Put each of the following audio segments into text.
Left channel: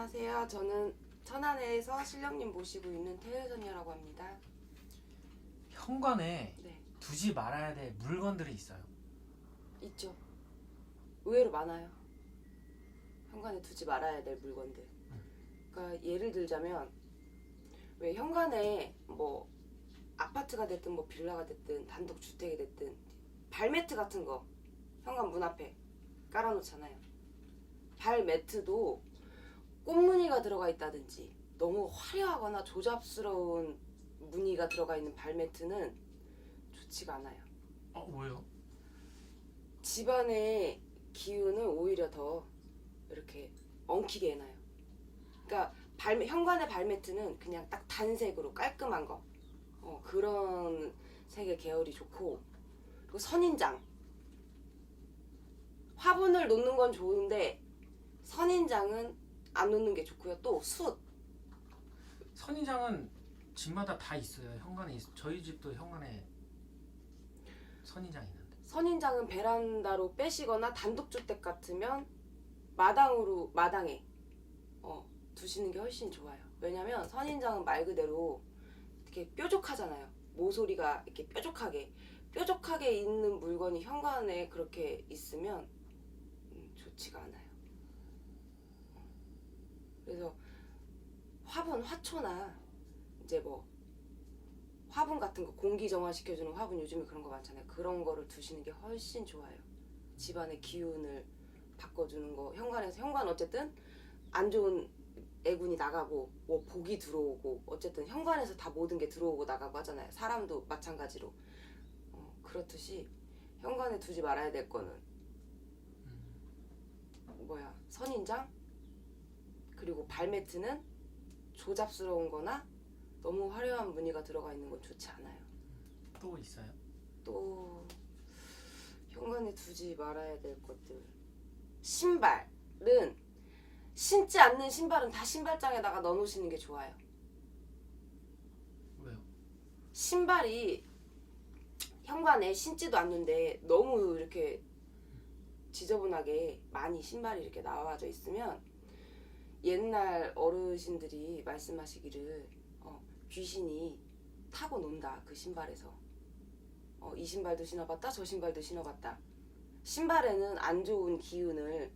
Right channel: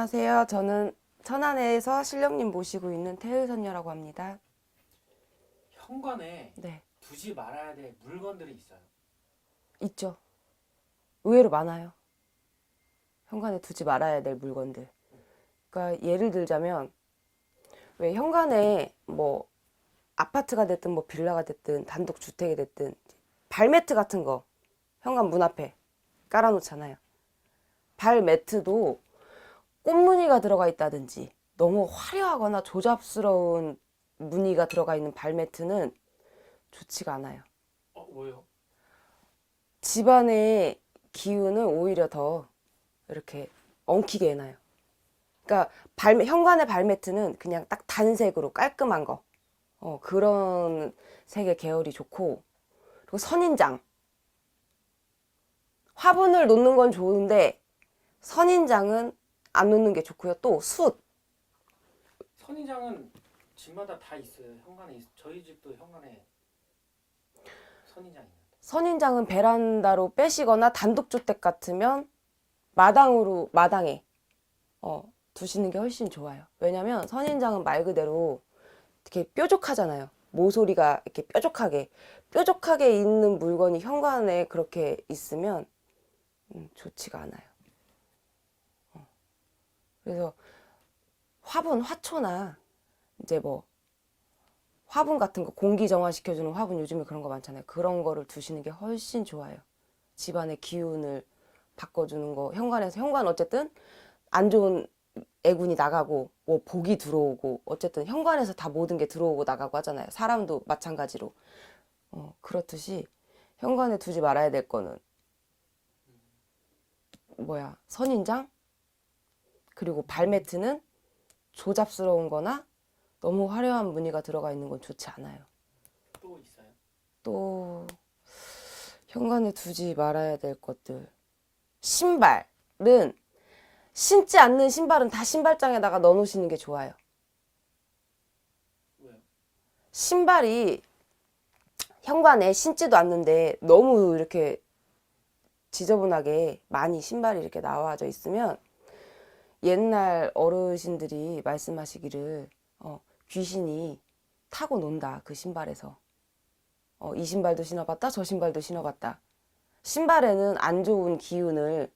안녕하세요. 저는 천안에서 신령님 모시고 있는 태의선녀라고 합니다. 현관에 네, 두지 말아야 될 물건들이 있어요. 있죠. 의외로 많아요. 현관에 두지 말아야 될 물건들. 그러니까 예를 들자면 왜 현관에 뭐 아파트가 됐든 뭐 빌라가 됐든 단독 주택이 됐든 발매트 같은 거 현관 문 앞에 깔아놓잖아요. 발매트도 꽃무늬가 들어가 있다든지 너무 화려하거나 조잡스러운 무늬가 들어가 있는 발매트는 좋지가 않아요. 뭐요? 집안의 기운을 오히려 더 이렇게 엉키게 해놔요. 그러니까 현관의 발매트는 그냥 딱 단색으로 깔끔한 거, 그런 색의 계열이 좋고, 그리고 선인장, 화분을 놓는 건 좋은데 선인장은 안 놓는 게 좋고요. 또 숯, 선인장은 집마다 다 있어요. 저희 집도 현관에 선인장 있는데. 선인장은 베란다로 빼시거나 단독주택 같으면 마당에 두시는 게 훨씬 좋아요. 왜냐면 선인장은 말 그대로 이렇게 뾰족하잖아요. 모서리가 이렇게 뾰족하게 있는 물건이 현관에 그렇게 있으면 좋지가 않아요. 그래서 화초나 이제 뭐 화분 같은 거 공기 정화시켜주는 화분 요즘에 그런 거 많잖아요. 그런 거를 두시는 게 훨씬 좋아요. 집안의 기운을 바꿔주는 거. 현관 어쨌든 안 좋은 애군이 나가고 뭐 복이 들어오고 어쨌든 현관에서 다 모든 게 들어오고 나가고 하잖아요. 사람도 마찬가지로. 그렇듯이 현관에 두지 말아야 될 거는 선인장, 그리고 발매트는 조잡스러운 거나 너무 화려한 무늬가 들어가 있는 건 좋지 않아요. 또 있어요? 또 현관에 두지 말아야 될 것들. 신발은 신지 않는 신발은 다 신발장에다가 넣어 놓으시는 게 좋아요. 왜요? 신발이 현관에 신지도 않는데 너무 이렇게 지저분하게 많이 신발이 이렇게 나와져 있으면 옛날 어르신들이 말씀하시기를 귀신이 타고 논다. 그 신발에서. 이 신발도 신어봤다. 저 신발도 신어봤다. 신발에는 안 좋은 기운을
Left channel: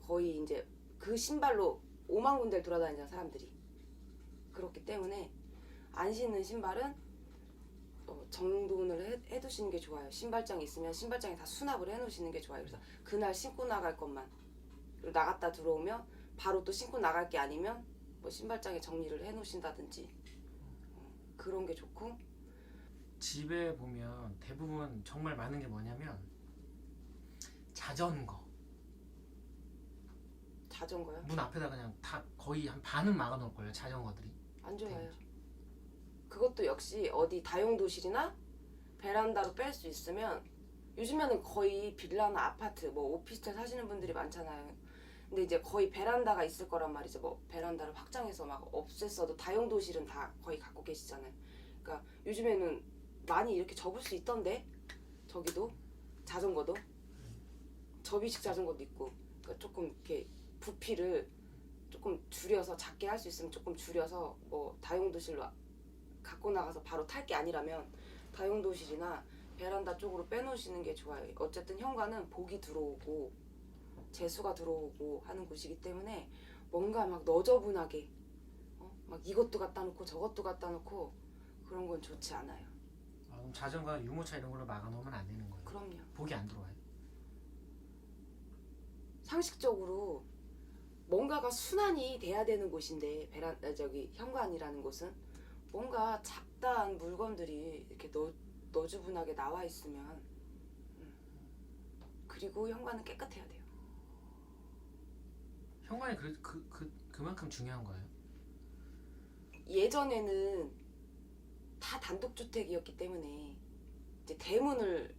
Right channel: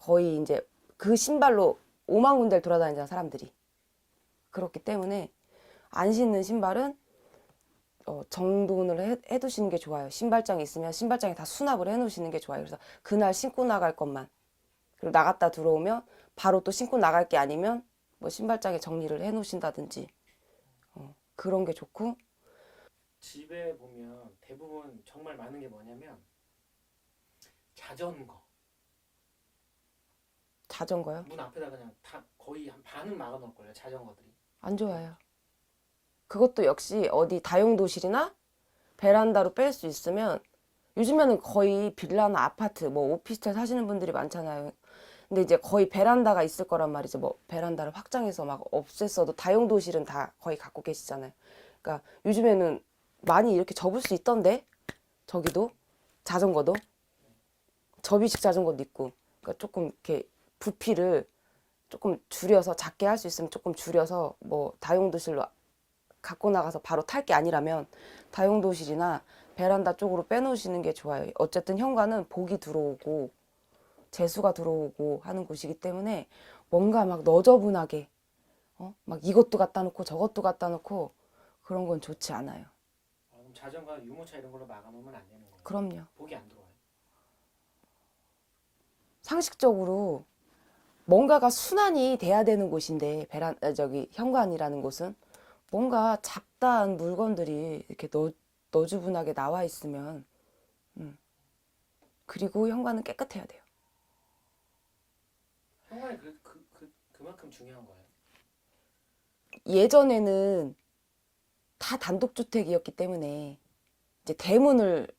거의 이제 그 신발로 5만 군데를 돌아다니잖아, 사람들이. 그렇기 때문에 안 신는 신발은 정돈을 해두시는 게 좋아요. 신발장이 있으면 신발장에 다 수납을 해놓으시는 게 좋아요. 그래서 그날 신고 나갈 것만, 그리고 나갔다 들어오면 바로 또 신고 나갈 게 아니면 뭐 신발장에 정리를 해놓으신다든지 그런 게 좋고. 집에 보면 대부분 정말 많은 게 뭐냐면 자전거. 자전거요? 문 앞에다 그냥 다 거의 한 반은 막아 놓을 거예요. 자전거들이. 안 좋아요. 그것도 역시 어디 다용도실이나 베란다로 뺄 수 있으면, 요즘에는 거의 빌라나 아파트, 뭐 오피스텔 사시는 분들이 많잖아요. 근데 이제 거의 베란다가 있을 거란 말이죠. 뭐 베란다를 확장해서 막 없앴어도 다용도실은 다 거의 갖고 계시잖아요. 그러니까 요즘에는 많이 이렇게 접을 수 있던데, 저기도 자전거도 접이식 자전거도 있고. 그러니까 조금 이렇게 부피를 조금 줄여서 작게 할 수 있으면 조금 줄여서 뭐 다용도실로 갖고 나가서 바로 탈 게 아니라면 다용도실이나 베란다 쪽으로 빼놓으시는 게 좋아요. 어쨌든 현관은 복이 들어오고 재수가 들어오고 하는 곳이기 때문에 뭔가 막 너저분하게 막 이것도 갖다 놓고 저것도 갖다 놓고 그런 건 좋지 않아요. 그럼 자전거, 유모차 이런 걸로 막아 놓으면 안 되는 거예요. 그럼요. 복이 안 들어와요. 상식적으로 뭔가가 순환이 돼야 되는 곳인데 현관이라는 곳은 뭔가 잡다한 물건들이 이렇게 너주분하게 나와 있으면 그리고 현관은 깨끗해야 돼요. 현관이 그만큼 중요한 거예요. 예전에는 다 단독주택이었기 때문에 이제 대문을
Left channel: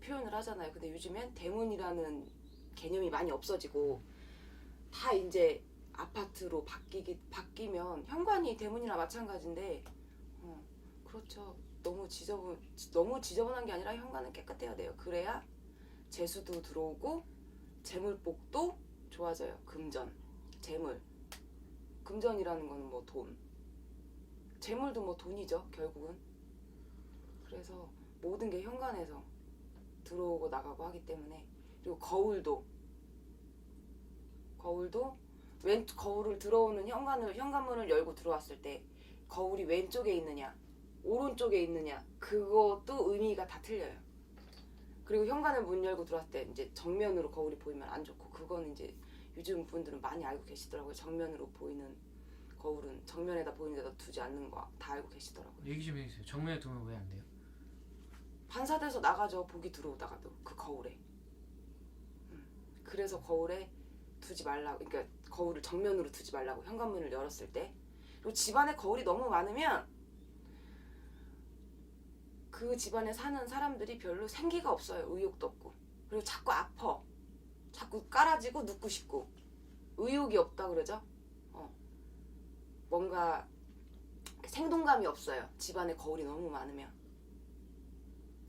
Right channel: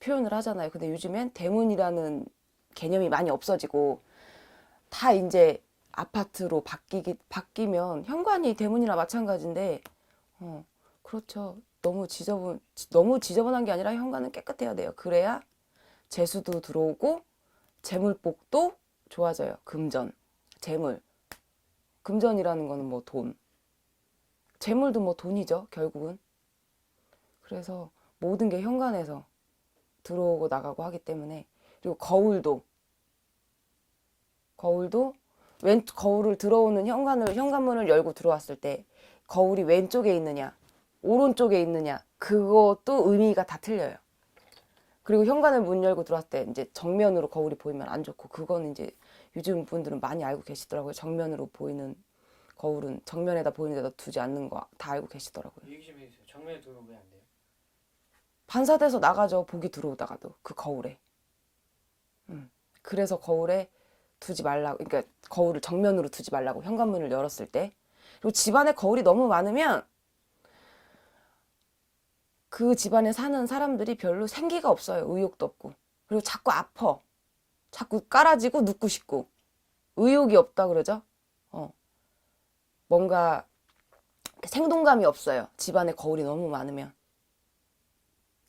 표현을 하잖아요. 근데 요즘엔 대문이라는 개념이 많이 없어지고 다 이제 아파트로 바뀌면 현관이 대문이나 마찬가지인데, 그렇죠. 너무 지저분한 게 아니라 현관은 깨끗해야 돼요. 그래야 재수도 들어오고 재물복도 좋아져요. 금전, 재물 금전이라는 거는 뭐 돈, 재물도 뭐 돈이죠, 결국은. 그래서 모든 게 현관에서 들어오고 나가고 하기 때문에. 그리고 거울도 거울을 들어오는 현관문을 열고 들어왔을 때 거울이 왼쪽에 있느냐 오른쪽에 있느냐 그것도 의미가 다 틀려요. 그리고 현관을 문 열고 들어왔을 때 이제 정면으로 거울이 보이면 안 좋고, 그거는 이제 요즘 분들은 많이 알고 계시더라고요. 정면으로 보이는 거울은 정면에다 보이는 데다 두지 않는 거 다 알고 계시더라고요. 얘기 좀 해주세요. 정면에 두면 왜 안 돼요? 반사돼서 나가죠, 복이 들어오다가도 그 거울에. 그래서 거울에 두지 말라고, 그러니까 거울을 정면으로 두지 말라고, 현관문을 열었을 때. 그리고 집안에 거울이 너무 많으면 그 집안에 사는 사람들이 별로 생기가 없어요. 의욕도 없고. 그리고 자꾸 아파. 자꾸 깔아지고 눕고 싶고. 의욕이 없다 그러죠. 뭔가 생동감이 없어요. 집안에 거울이 너무 많으면.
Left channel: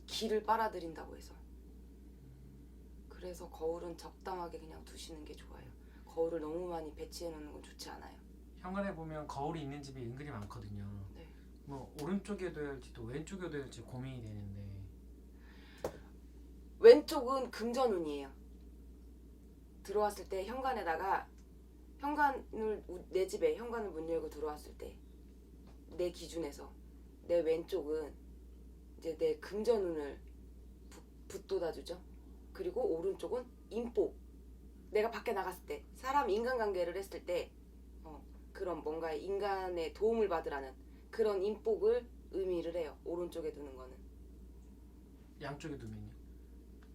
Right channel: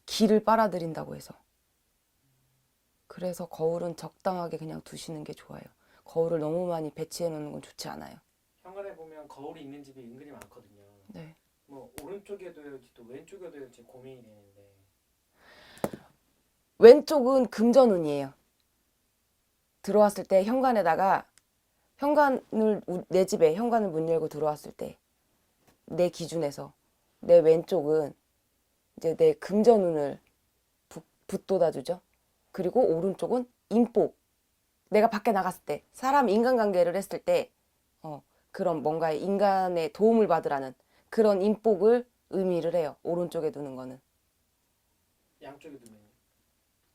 기를 빨아들인다고 해서. 그래서 거울은 적당하게 그냥 두시는 게 좋아요. 거울을 너무 많이 배치해 놓는 건 좋지 않아요. 현관에 보면 거울이 있는 집이 은근히 많거든요. 네. 뭐 오른쪽에 둬야지 또 왼쪽에 둬야지 고민이 되는데. 왼쪽은 금전운이에요. 들어왔을 때 내 집에 현관을 문 열고 들어왔을 때 내 기준에서 내 왼쪽은 이제 내 금전운을 붙돋아주죠. 그리고 오른쪽은 인복. 내가 밖에 나갔을 때 사람 인간관계를 했을 때 그런 뭔가 인간의 도움을 받으라는 그런 인복을 의미를 해요. 오른쪽에 두는 거는. 양쪽에 두면요?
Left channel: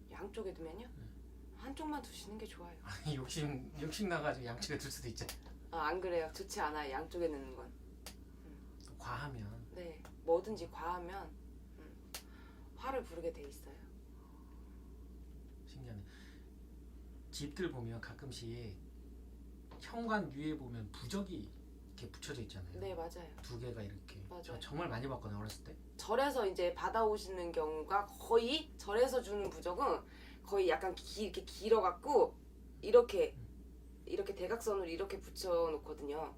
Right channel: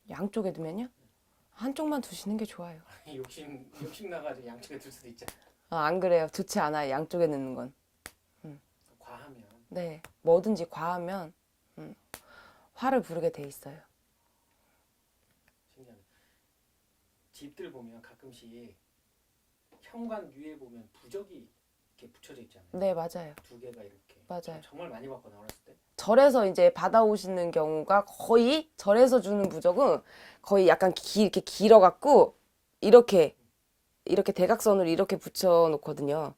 양쪽에 두면요? 한쪽만 두시는 게 좋아요. 아니 욕심 나가지고 양쪽에 둘 수도 있잖아요. 안 그래요. 좋지 않아요. 양쪽에 넣는 건. 과하면. 네. 뭐든지 과하면 화를 부르게 돼 있어요. 신기하네. 집들 보면 가끔씩 현관 위에 보면 부적이 이렇게 붙여져 있잖아요. 네, 맞아요. 두 개가 이렇게. 맞아요. 정말 많이 봤거든요, 어렸을 때. 절에서 이제 받아오시는 경우가 거의, 절에서 주는 부적은 거의 약간 이렇게 길어갖고 이렇게 대각선으로 이렇게 붙여놓거든요.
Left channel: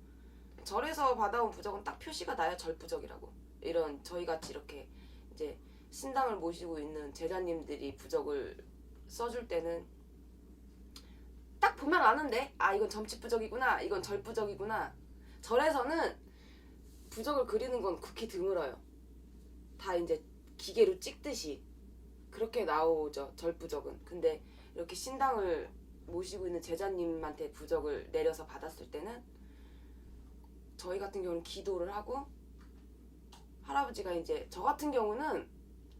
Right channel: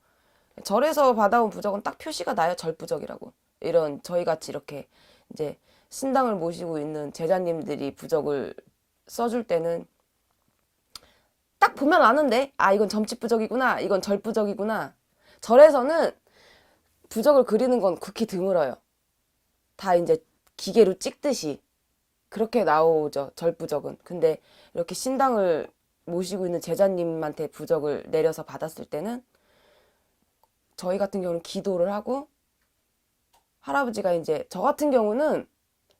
절에서 받아온 부적은 딱 표시가 나요. 절부적이라고. 이런 저희 같이 이렇게 이제 신당을 모시고 있는 제자님들이 부적을 써줄 때는 딱 보면 아는데, 아, 이건 점집부적이구나, 이건 절부적이구나. 절에서는 부적을 그리는 건 극히 드물어요. 다 이제 기계로 찍듯이 그렇게 나오죠, 절부적은. 근데 이렇게 신당을 모시고 있는 제자님한테 부적을 내려서 받았을 때는 저희 같은 경우는 기도를 하고, 할아버지가 이제, 저 같은 경우는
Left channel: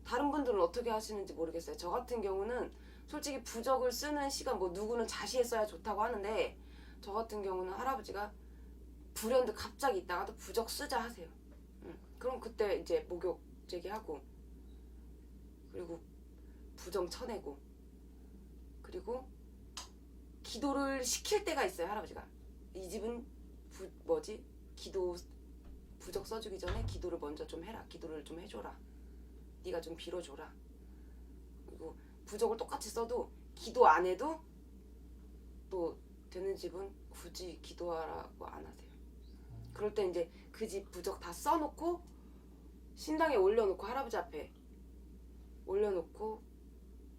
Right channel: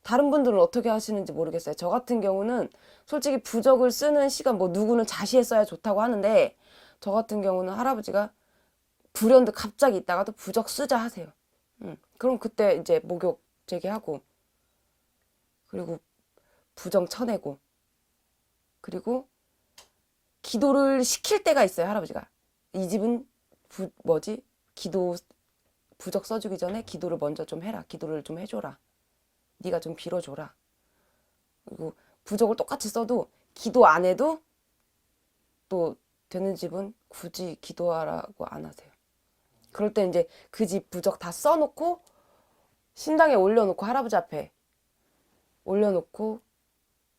다른 분들은 어떻게 하시는지 모르겠어요. 저 같은 경우는 솔직히 부적을 쓰는 시간, 뭐 누구는 자시에 써야 좋다고 하는데, 저 같은 경우는 할아버지가 불현듯 갑자기 있다가도 부적 쓰자 하세요. 그럼 그때 이제 목욕 제기하고, 그리고 부정 쳐내고, 그리고 기도를 시킬 때가 있어요. 할아버지가 이 집은 부적 써주기 전에 기도를 먼저 좀 해라. 기도를 좀 해줘라. 네가 좀 빌어줘라. 그리고 부적을 똑같이 써도 기도 안 해도 또 되는 집은 굳이 기도하라고 안 하세요. 그럴 때 이제 그 집 부적 다 써놓고 신당에 올려놓고, 할아버지 앞에 올려놓고,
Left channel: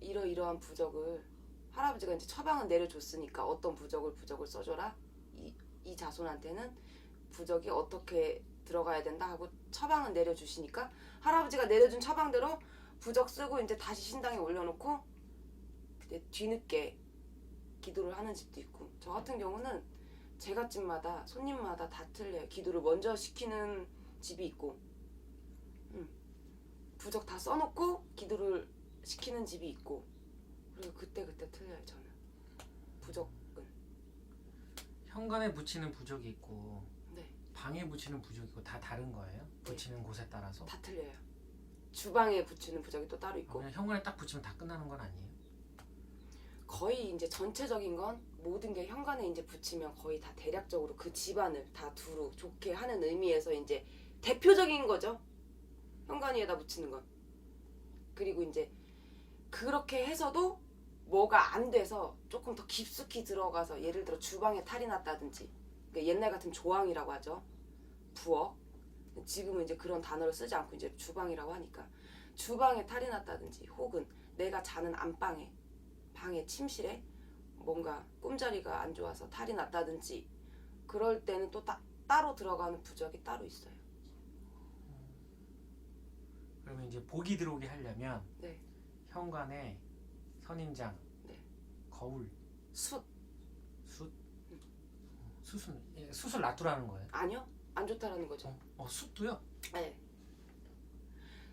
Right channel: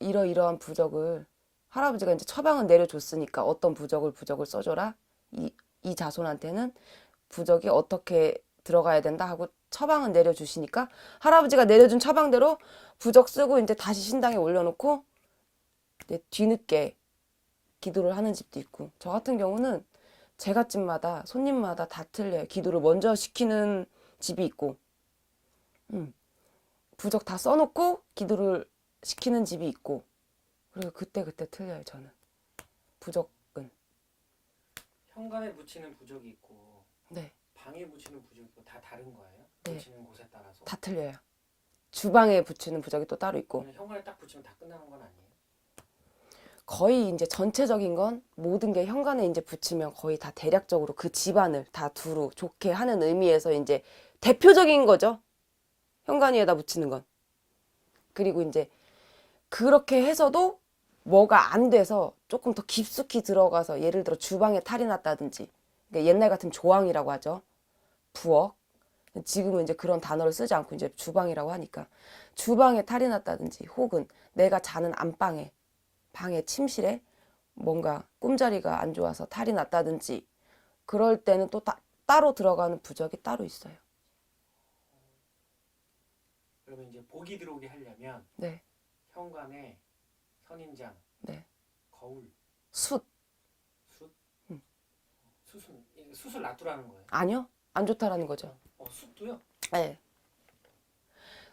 이러이러한 부적을 할아버지가 이제 처방은 내려줬으니까 어떤 부적을 써줘라. 이 자손한테는 부적이 어떻게 들어가야 된다 하고 처방은 내려주시니까 할아버지가 내려준 처방대로 부적 쓰고 이제 다시 신당에 올려놓고 이제 뒤늦게 기도를 하는 집도 있고, 저 같은 경우는 제갓집마다 손님마다 다 틀려요. 기도를 먼저 시키는 집이 있고, 부적 다 써놓고 기도를 시키는 집이 있고, 그리고 그때 틀려요. 저는 부적은. 현관에 붙이는 부적이 있고 네. 방에 붙이는 부적이 있고 다 다른 거예요? 네. 붙이는 곳에 따라서? 다 틀려요. 주방에 붙이는 부적이 또 따로 있고. 그냥 현관에 딱 붙이면 다 끝나는 건 아니에요? 거의 이제 전체적인 건 모든 게 현관에 이제 붙이면 거의 다 대략적으로 그 집안을 다 두루 좋게 하는 의미에서 이제 대표적인 거죠. 현관 위에다 붙이는 건. 그리고 이제 그렇게 해서도 뭐가 안 돼서 조금 더 깊숙이 들어가서, 예를 들어 주방에 탈이 났다든지 그러니까 옛날 같으면 조항이라고 하죠. 부엌. 지금은 이제 그런 단어를 쓰지 않고 이제 주방이라고 하니까 주방에 탈이 났다든지 혹은 내가 자는 안방에 방에 침실에 뭔가 꿈자리가 안 좋아서 탈이 났다든지 그럴 때는 또 따로 들어가는 부적이 따로 있어요. 그러면 이제 복이 들어오게 하려면 네, 현관에 선인장, 네. 거울, 숯. 숯, 숯을 놔두라는 거예요. 아니요. 안 좋다라는 거죠. 숯도요? 네.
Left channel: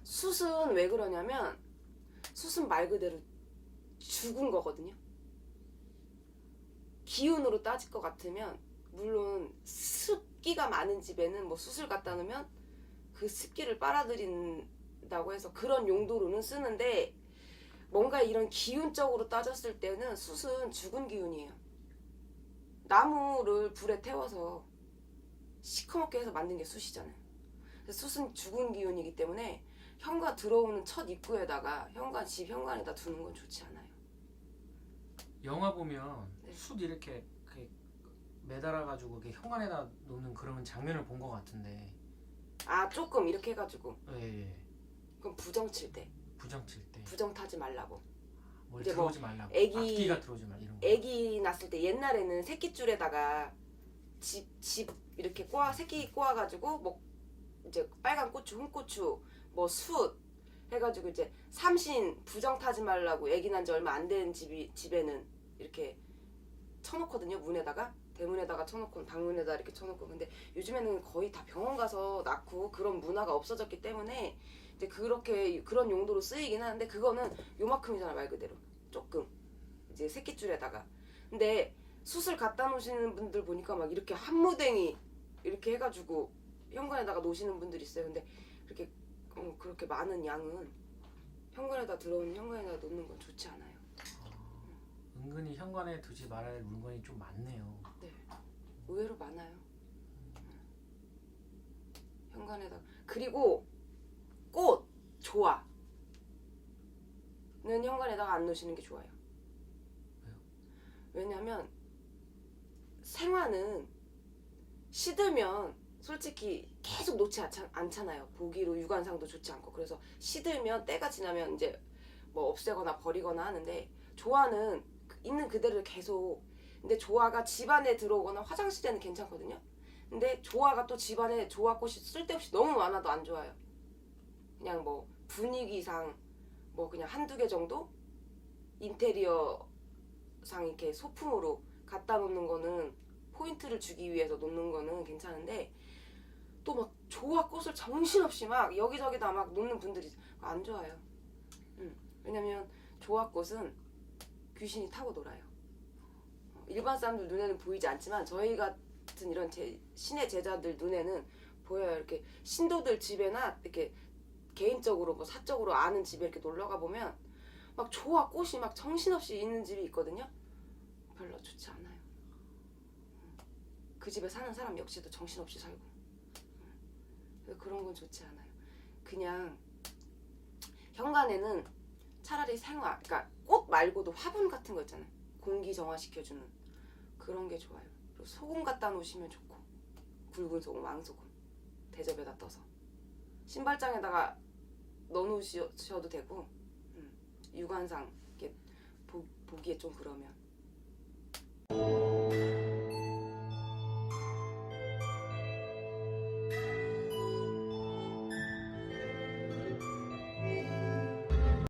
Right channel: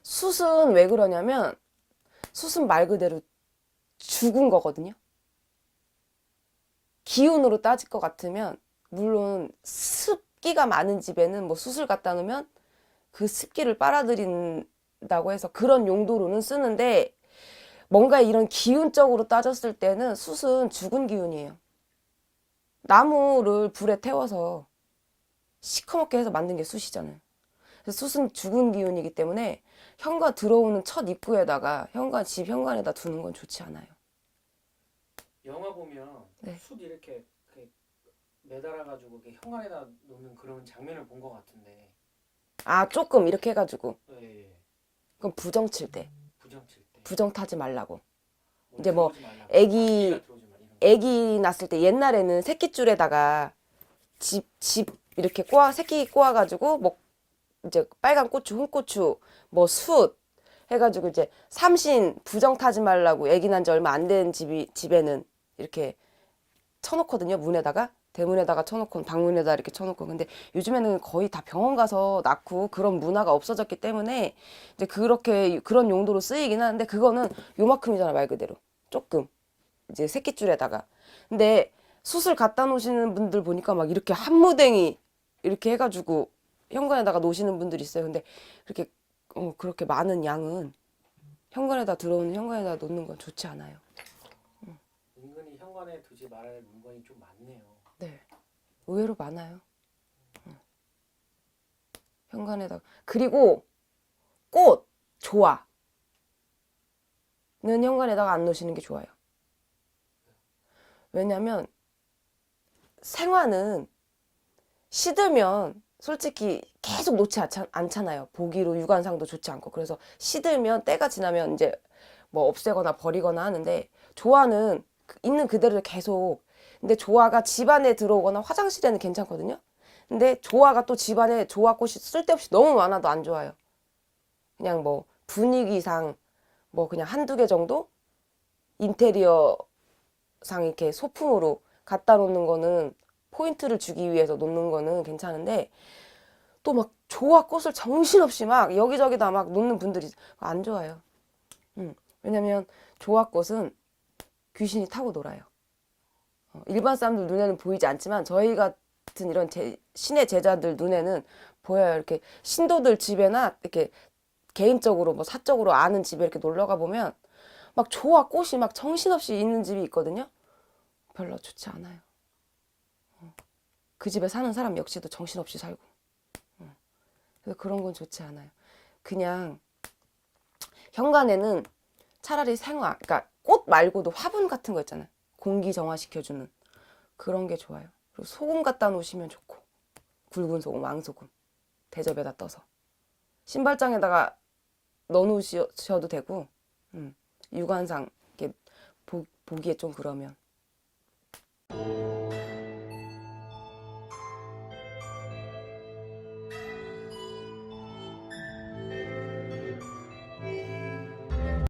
숯은 왜 그러냐면 숯은 말 그대로 죽은 거거든요. 기운으로 따질 것 같으면 물론 습기가 많은 집에는 뭐 숯을 갖다 놓으면 그 습기를 빨아들인다고 해서 그런 용도로는 쓰는데 뭔가 이런 기운적으로 따졌을 때는 숯은 죽은 기운이에요. 나무를 불에 태워서 시커멓게 해서 만든 게 숯이잖아요. 그래서 숯은 죽은 기운이기 때문에 현관 들어오는 첫 입구에다가 집 현관에다 두는 건 좋지 않아요. 영화 보면 네. 숯 이렇게 매달아가지고 이렇게 현관에다 놓는 그런 장면을 본 것 같은데. 아, 조금 이렇게 해가지고. 예. 그럼 부정 칠 때. 부정 칠 때. 부정 타지 말라고. 뭘 이제 뭐 들어오지 말라고. 애기 악기가 들어오지 말라, 이런 거. 애기 낳았을 때 옛날에는 새끼줄에다가 집 이렇게 새끼 꼬아가지고 뭐 이제 빨간 고추, 홍고추, 뭐 숯 해가지고 이제 삼신 부정 타지 말라고 애기 난 지 얼마 안 된 집에는 이렇게 쳐놓거든요. 문에다가 대문에다가 쳐놓고 방문에다 이렇게 쳐놓고. 근데 요즘에는 거의 다 병원 가서 낳고 그런 문화가 없어졌기 때문에 이제 그렇게 그런 용도로 쓰이긴 하는데 그거는 요만큼이잖아 말 그대로 조금 이제 새끼줄에다가. 근데 숯을 갖다 놓으시는 분들 보니까 막 이렇게 한 무댕이 이렇게 해가지고 현관에다가 놓으시는 분들이 있어요. 근데 그렇게 많은 양은 들어오는 현관에다 놓는 건 좋지 않아요. 은근히 현관에 두지 말아야 할 물건이 좀 많네요. 네, 의외로 많아요. 현관에다가. 그리고 꽃, 조화는 현관에다가 안 놓으시는 게 좋아요. 왜냐면 생화는 시들면 솔직히 계속 놓지 않잖아요. 보기로 유관상도 좋지 않고. 그래서 시들면 때가 지나면 이제 뭐 없애거나 버리거나 하는데 조화는 있는 그대로 계속. 근데 조화가 집안에 들어오거나 화장실에는 괜찮거든요. 근데 조화가 또 집안에 조화꽃이 쓸데없이 너무 많아도 안 좋아요. 그냥 뭐 분위기상 뭐 그냥 한두 개 정도 인테리어상 이렇게 소품으로 갖다 놓는 거는 포인트를 주기 위해서 놓는 거는 괜찮은데 또 막 조화꽃을 정신없이 막 여기저기다 막 놓는 분들이 안 좋아요. 왜냐면 조화꽃은 귀신이 타고 놀아요. 일반 사람들 눈에는 보이지 않지만 저희 같은 이런 신의 제자들 눈에는 보여요. 이렇게 신도들 집에나 이렇게 개인적으로 뭐 사적으로 아는 집에 이렇게 놀러가 보면 막 조화꽃이 막 정신없이 있는 집이 있거든요. 별로 좋지 않아요. 그 집에 사는 사람 역시도 정신없이 살고. 그래서 그런 건 좋지 않아요. 그냥 현관에는 차라리 그러니까 꽃 말고도 화분 같은 거 있잖아요. 공기 정화시켜주는 그런 게 좋아요. 그리고 소금 갖다 놓으시면 좋고 굵은 소금, 왕소금 대접에다 떠서 신발장에다가 넣어 놓으셔도 되고 유관상 이렇게 보기에 좀 그러면